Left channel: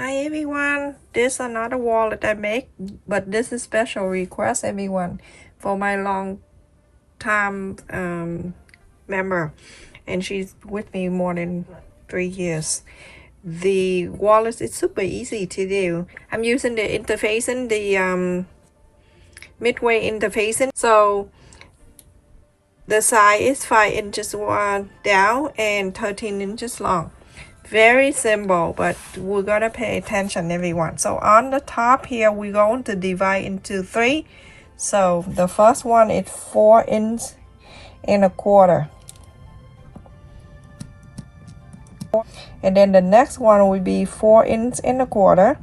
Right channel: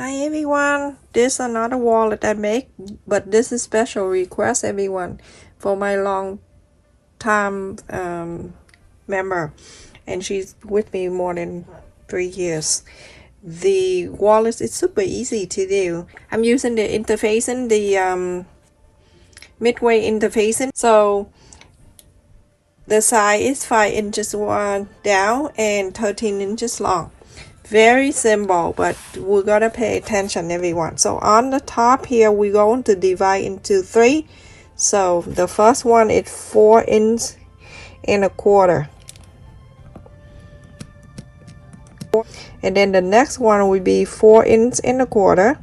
Hi everyone, this is another wallet I make, but this is special request everyone for my long time member, and she's with me more than 3 years. The wallet is super easy to do. I'm using the interfacing, the midway interfacing. So the size is 5 inches down and 13 inches long. Very simple, but we're gonna pay attention everyone. So on the top here, we're going to divide into 3. So the first one is 4 inches and a quarter. And then the next one will be 4 inches and a quarter.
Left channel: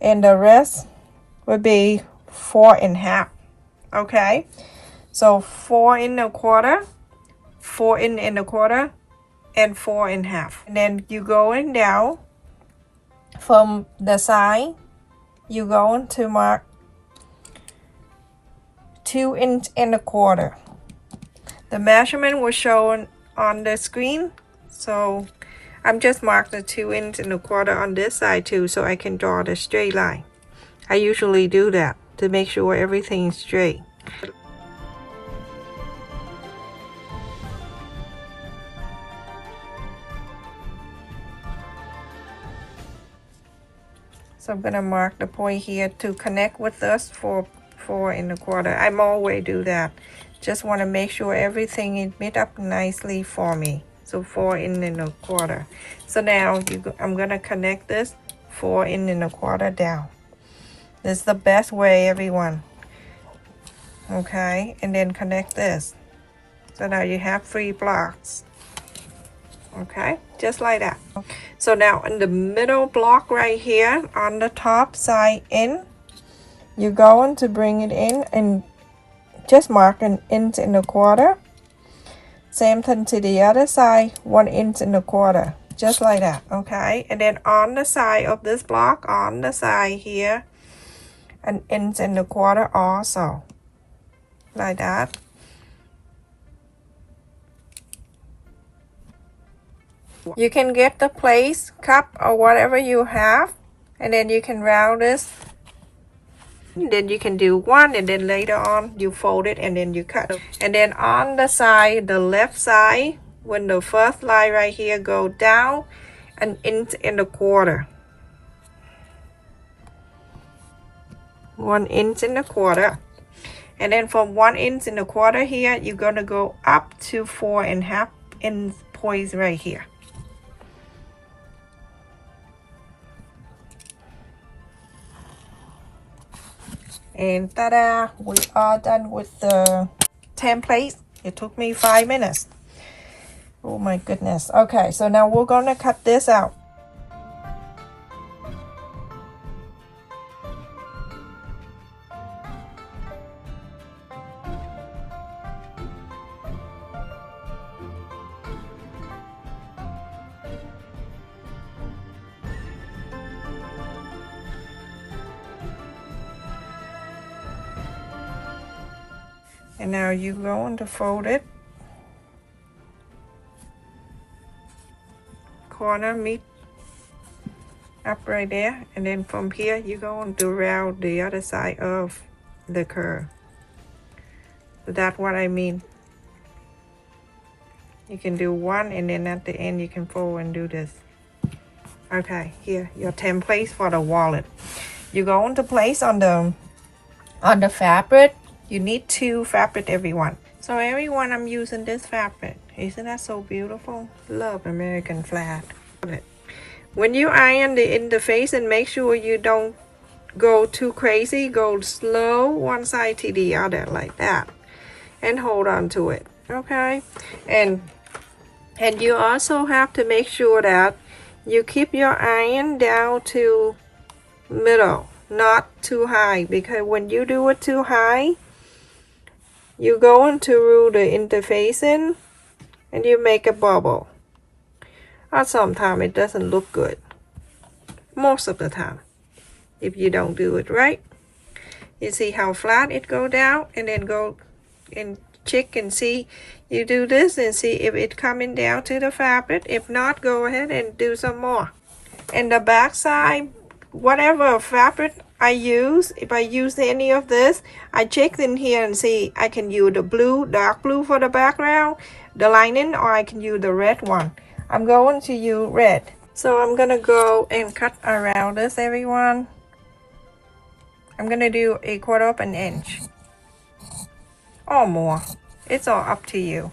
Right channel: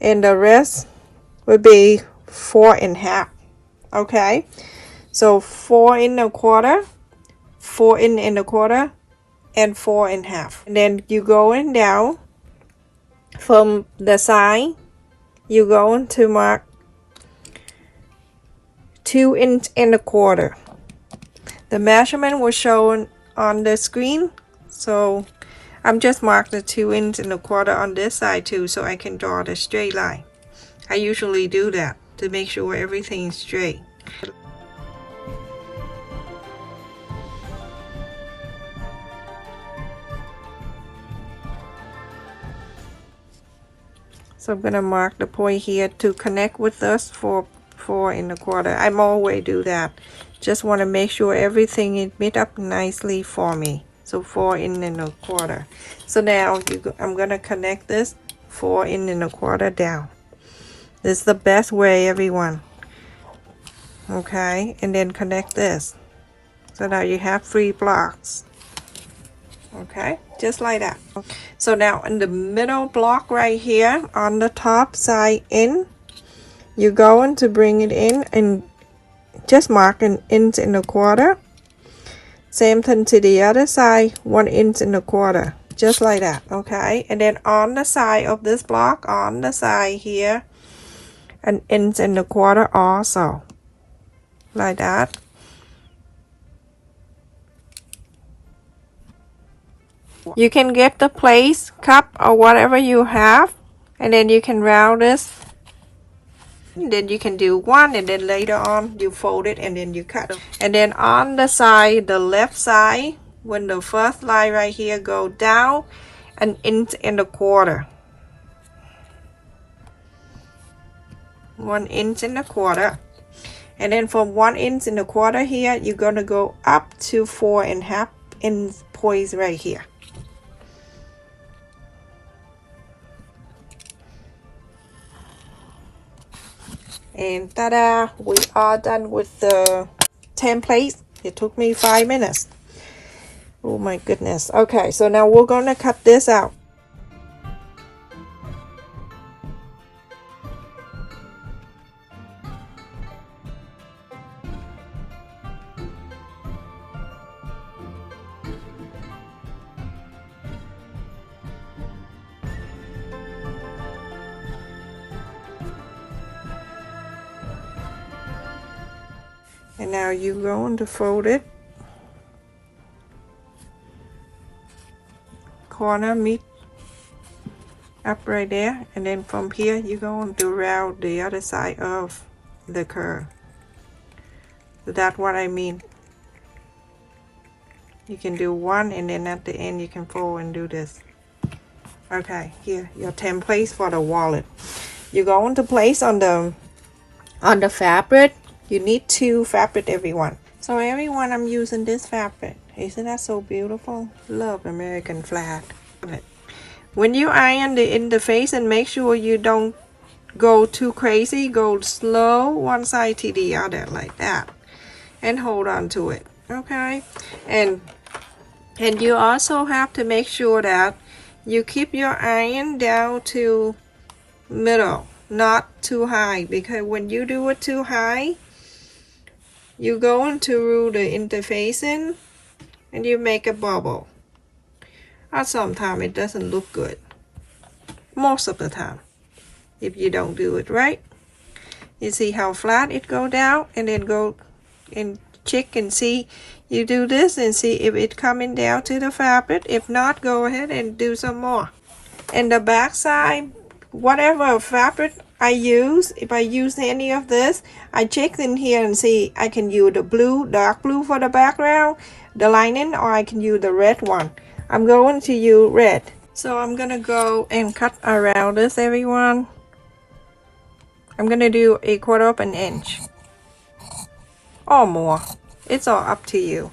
And the rest will be 4.5. Okay, so 4 and a quarter, 4 and a quarter, and 4.5. And then you going down from the side, you're going to mark 2 inches and a quarter. The measurement was shown on the screen, so I'm just mark the 2 inches and a quarter on this side too, so I can draw the straight line. I usually do that to make sure everything is straight. So I'm gonna mark the point here to connect with us for 4 and a quarter. I'm always do that. Just want to make sure everything is meet up nicely for me. So 4 and a quarter. So now I'm gonna connect this 4 and a quarter down. This is the best way, everyone. Okay, and then connect this. So now you have 3 blocks. Okay, just like that. So now in the middle block right here on the top side in, you're going to bring it in and just mark 1 inch and a quarter. Same thing to the other side, 1 inch and a quarter, just like that. Okay, and then on the side of this block, on the side here, 1 inch and a quarter also, like that. You can get the plate, cup, or whatever you have, and then you can round this. And then you can do 1, and then later on you fold it and then you cut. And then on the side, the left side, when the first line right here go down 1 inch and a quarter. 1 inch and a quarter. And then from 1 inch and a quarter here, you're gonna go up to 4.5 inch points right here. And ta-da, we are done with the template. It took me 5 minutes. Oh my goodness. Okay, so now we're gonna cut this out. And now you're going to fold it. Corner meet up right there. And then from here, you're going to round the other side of the curve. So that's what I mean. You can do 1, and then at the end, you can fold and do this. Okay, here, your template for the wallet. You're going to place on the fabric. You need 2 fabric, everyone. So everyone, I'm using this fabric. Isn't that so beautiful? Love American flag. When you iron the interface, and make sure you don't go too crazy, go slow one side to the other like that, and hold on to it. Okay, and you also have to make sure that you keep your iron down to middle, not too high, because when you do it too high, you go into rule the interfacing and you make a bubble. Or sometimes it doesn't look good. Most of the time, if you don't do it right. You see how flat it go down, and then go and check and see You do this and see if it's coming down to the fabric. If not, go ahead and do some more. And the back side, whatever fabric I use, if I use any of this, I check in here and see I can use the blue, dark blue for the background, the lining, or I can use the red one. I'm going to use red. So I'm gonna go and cut around this, everyone. I'm gonna do 1/4 of an inch or more. It's all up to you.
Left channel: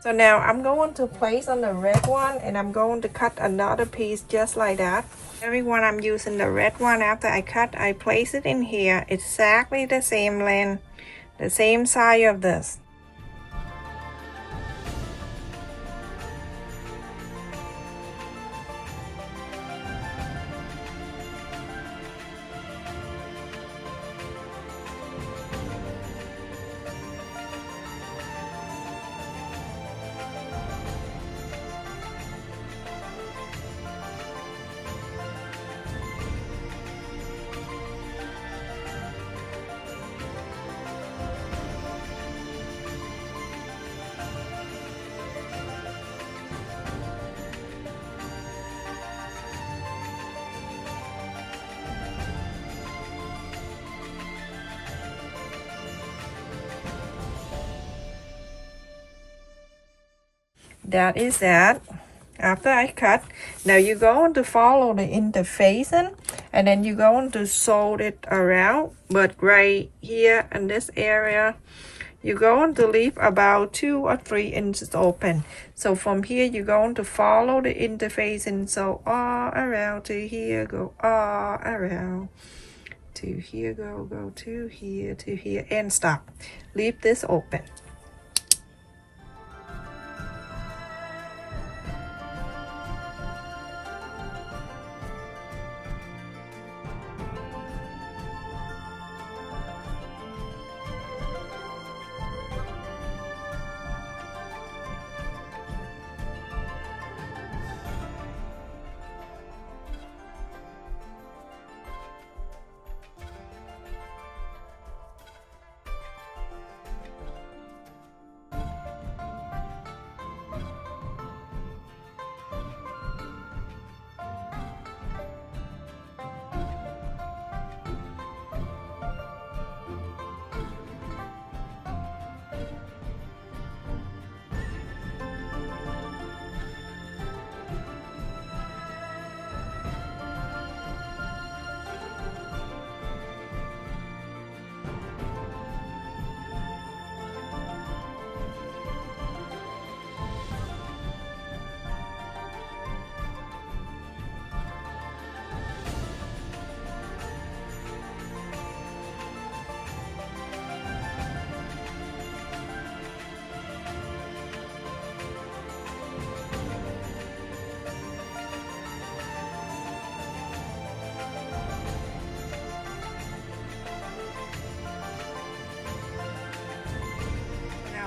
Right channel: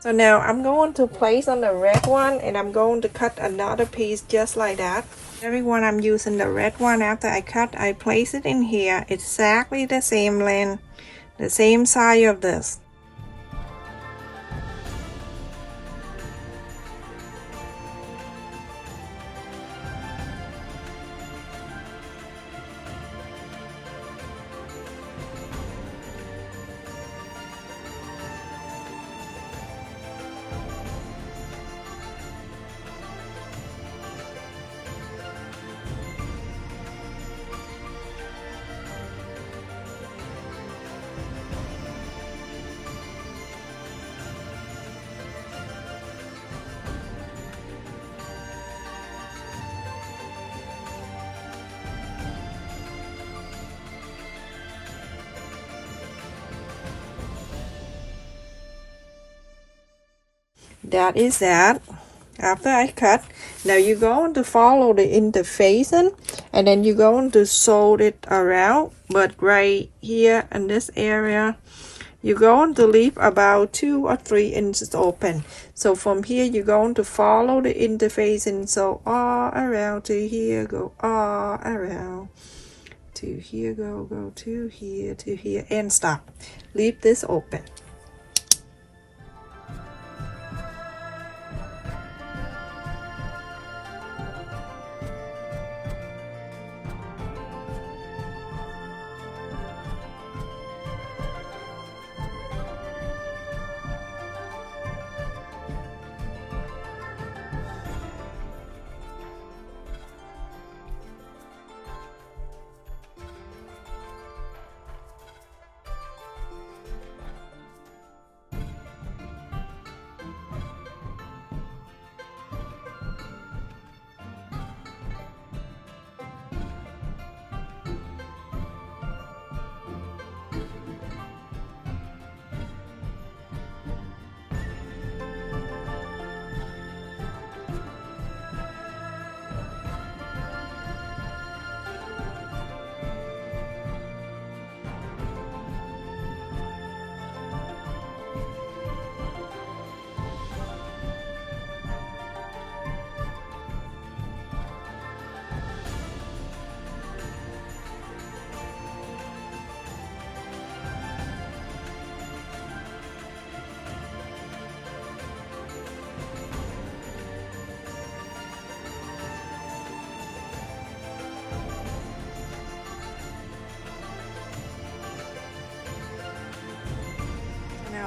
So now I'm going to place on the red one, and I'm going to cut another piece just like that. Everyone, I'm using the red one. After I cut, I place it in here. It's exactly the same length, the same size of this. That is that. After I cut, now you're going to follow the interfacing, and then you're going to sew it around. But right here in this area, you're going to leave about 2 or 3 inches open. So from here, you're going to follow the interfacing, so all around to here, go all around to here, go to here, and stop. Leave this open.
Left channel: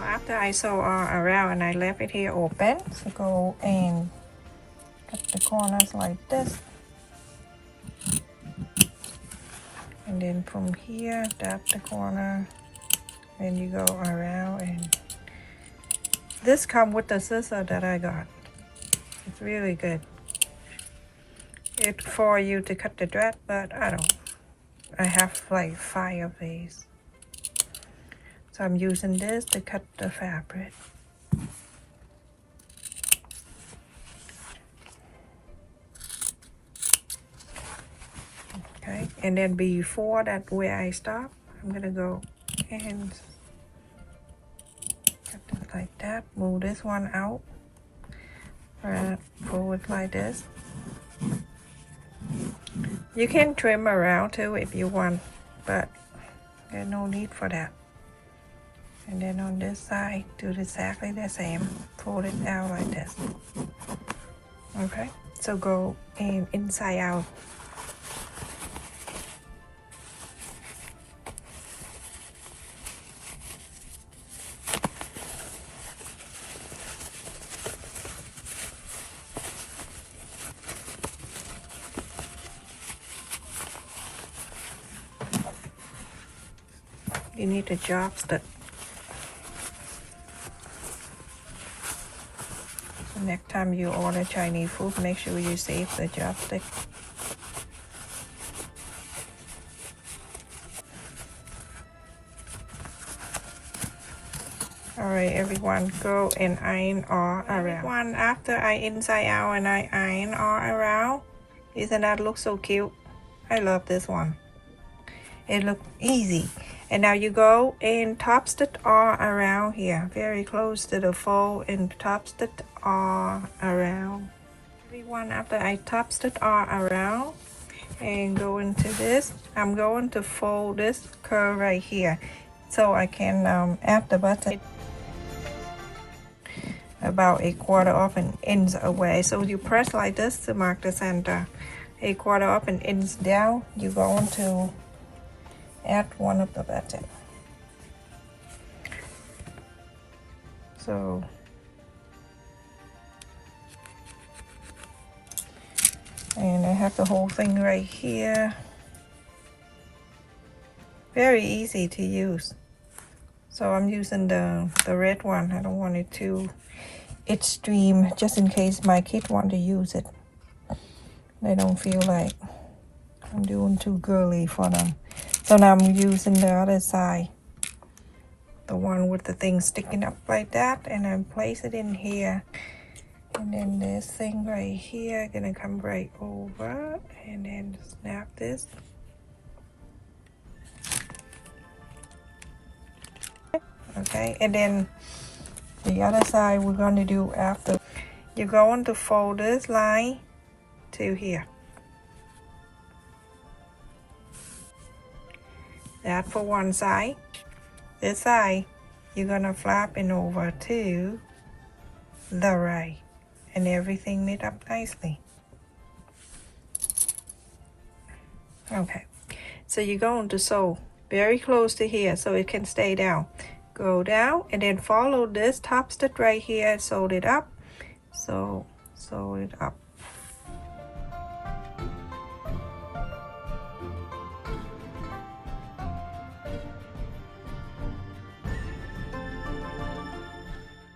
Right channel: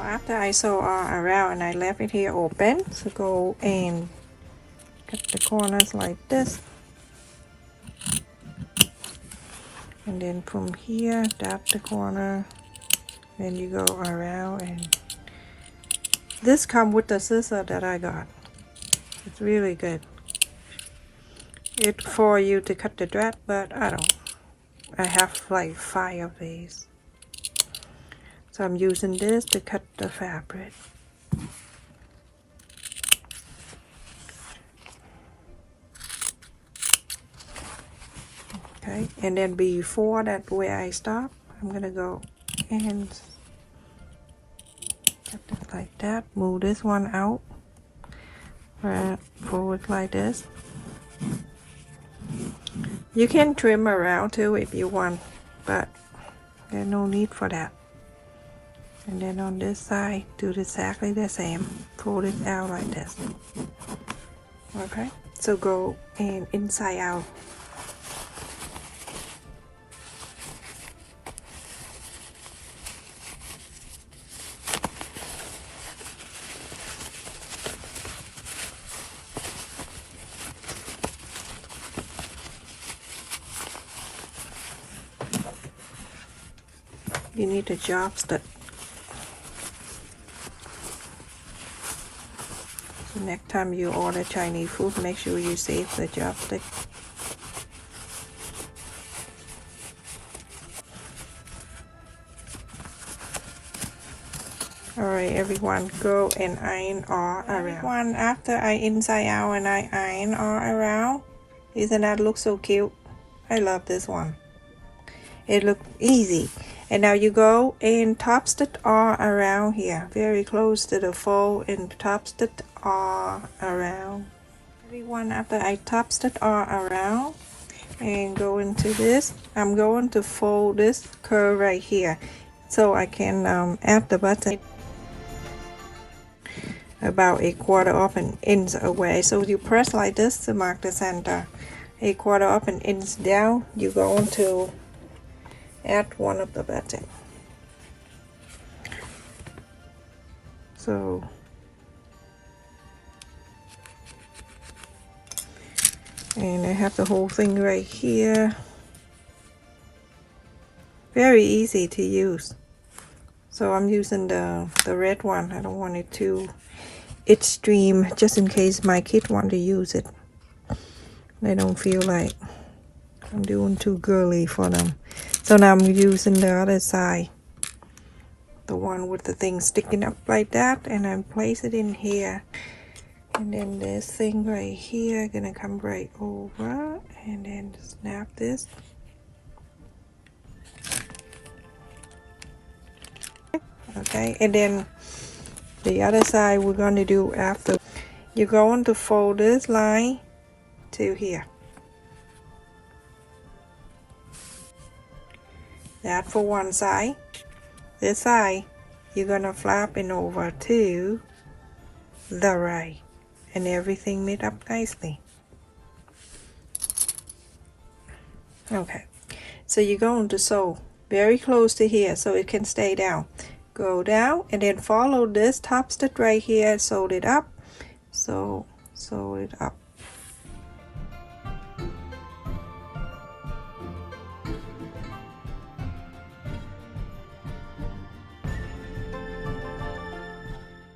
After I sew all around and I left it here open, so go and cut the corners like this, and then from here tap the corner, then you go around. And this comes with the scissor that I got. It's really good. It's for you to cut the dress, but I don't. I have like 5 of these. So I'm using this to cut the fabric. Okay, and then before that, where I stop, I'm gonna go and cut it like that. Move this one out. Pull it like this. You can trim around too if you want, but there's no need for that. And then on this side, do exactly the same. Fold it down like this. Okay, so go and inside out. You need a chopstick. So next time you order Chinese food, make sure you save the chopstick. Alright everyone, go and iron all around. Everyone, after I inside out and I iron all around, isn't that look so cute? I love this one. It looks easy. And now you go and top stitch all around here, very close to the fold, and top stitch all around. Everyone, after I top stitch all around and go into this, I'm going to fold this curve right here so I can add the button about a quarter of an inch away. So you press like this to mark the center. A quarter of an inch down, you're going to add one of the buttons. So and I have the whole thing right here. Very easy to use. So I'm using the red one. I don't want it too extreme, just in case my kid want to use it. They don't feel like I'm doing too girly for them. So now I'm using the other side, the one with the thing sticking up like that, and I place it in here. And then this thing right here gonna come right over, and then snap this. Okay, and then the other side we're going to do after. You're going to fold this line to here. That for one side. This side, you're going to flap it over to the right, and everything meet up nicely. Okay, so you're going to sew very close to here so it can stay down. Go down and then follow this top stitch right here, sew it up. So sew it up.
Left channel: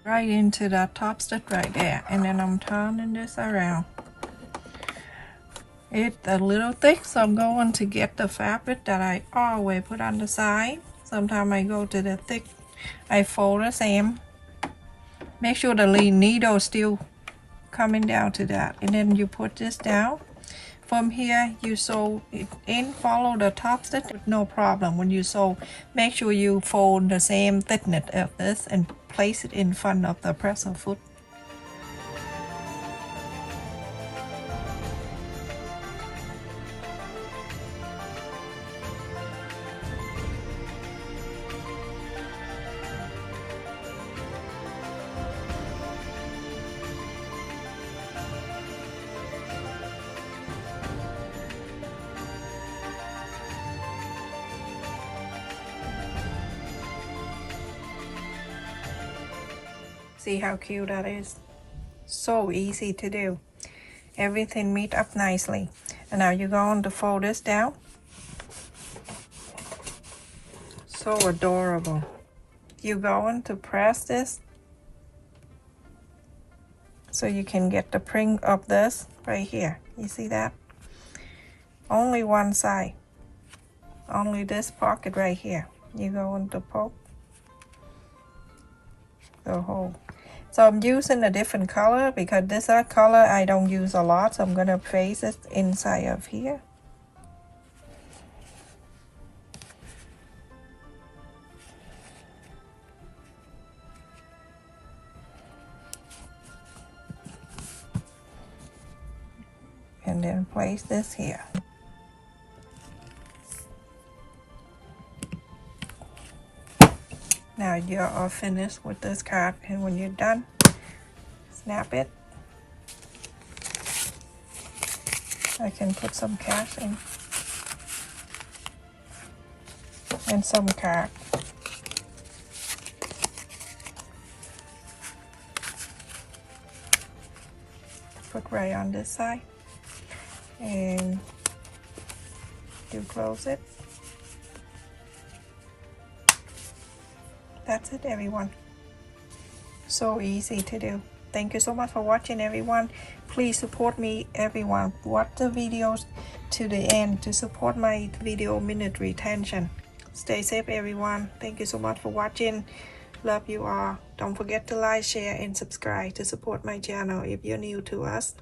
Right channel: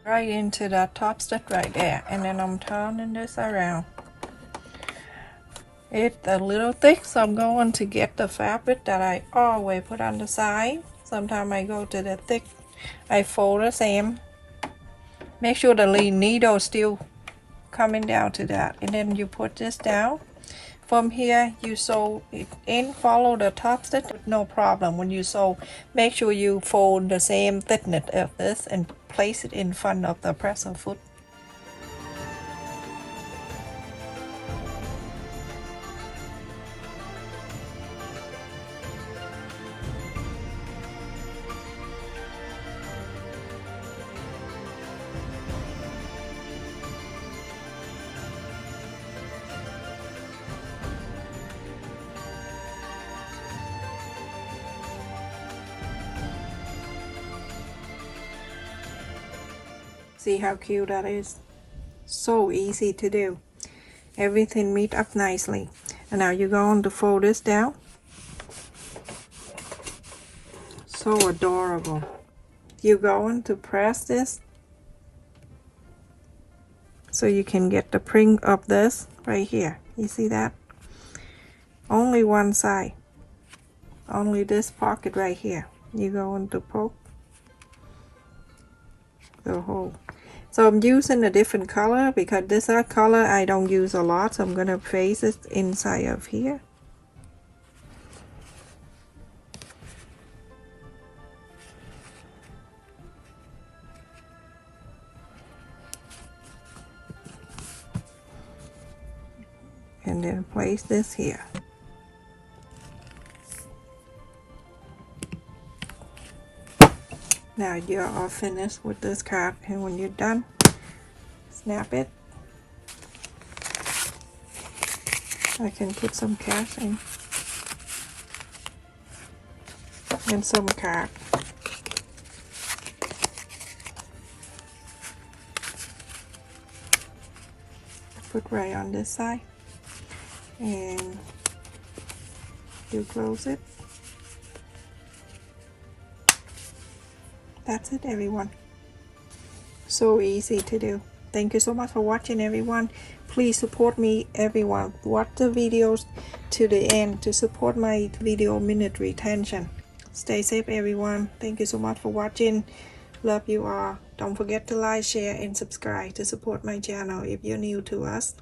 Right into the top stitch right there, and then I'm turning this around. It's a little thick, so I'm going to get the fabric that I always put on the side. Sometimes I go to the thick, I fold the same. Make sure the needle is still coming down to that, and then you put this down. From here you sew it in, follow the top stitch, no problem. When you sew, make sure you fold the same thickness of this and place it in front of the presser foot. See how cute that is? So easy to do. Everything meet up nicely. And now you're going to fold this down. So adorable. You're going to press this so you can get the print of this right here. You see that? Only one side. Only this pocket right here. You're going to poke the hole. So I'm using a different color because this other color I don't use a lot, so I'm going to place it inside of here. And then place this here. Now you're all finished with this card, and when you're done, snap it. I can put some cash in and some card. Put right on this side, and you close it. That's it, everyone. So easy to do. Thank you so much for watching, everyone. Please support me, everyone. Watch the videos to the end to support my video minute retention. Stay safe, everyone. Thank you so much for watching. Love you all. Don't forget to like, share, and subscribe to support my channel if you're new to us.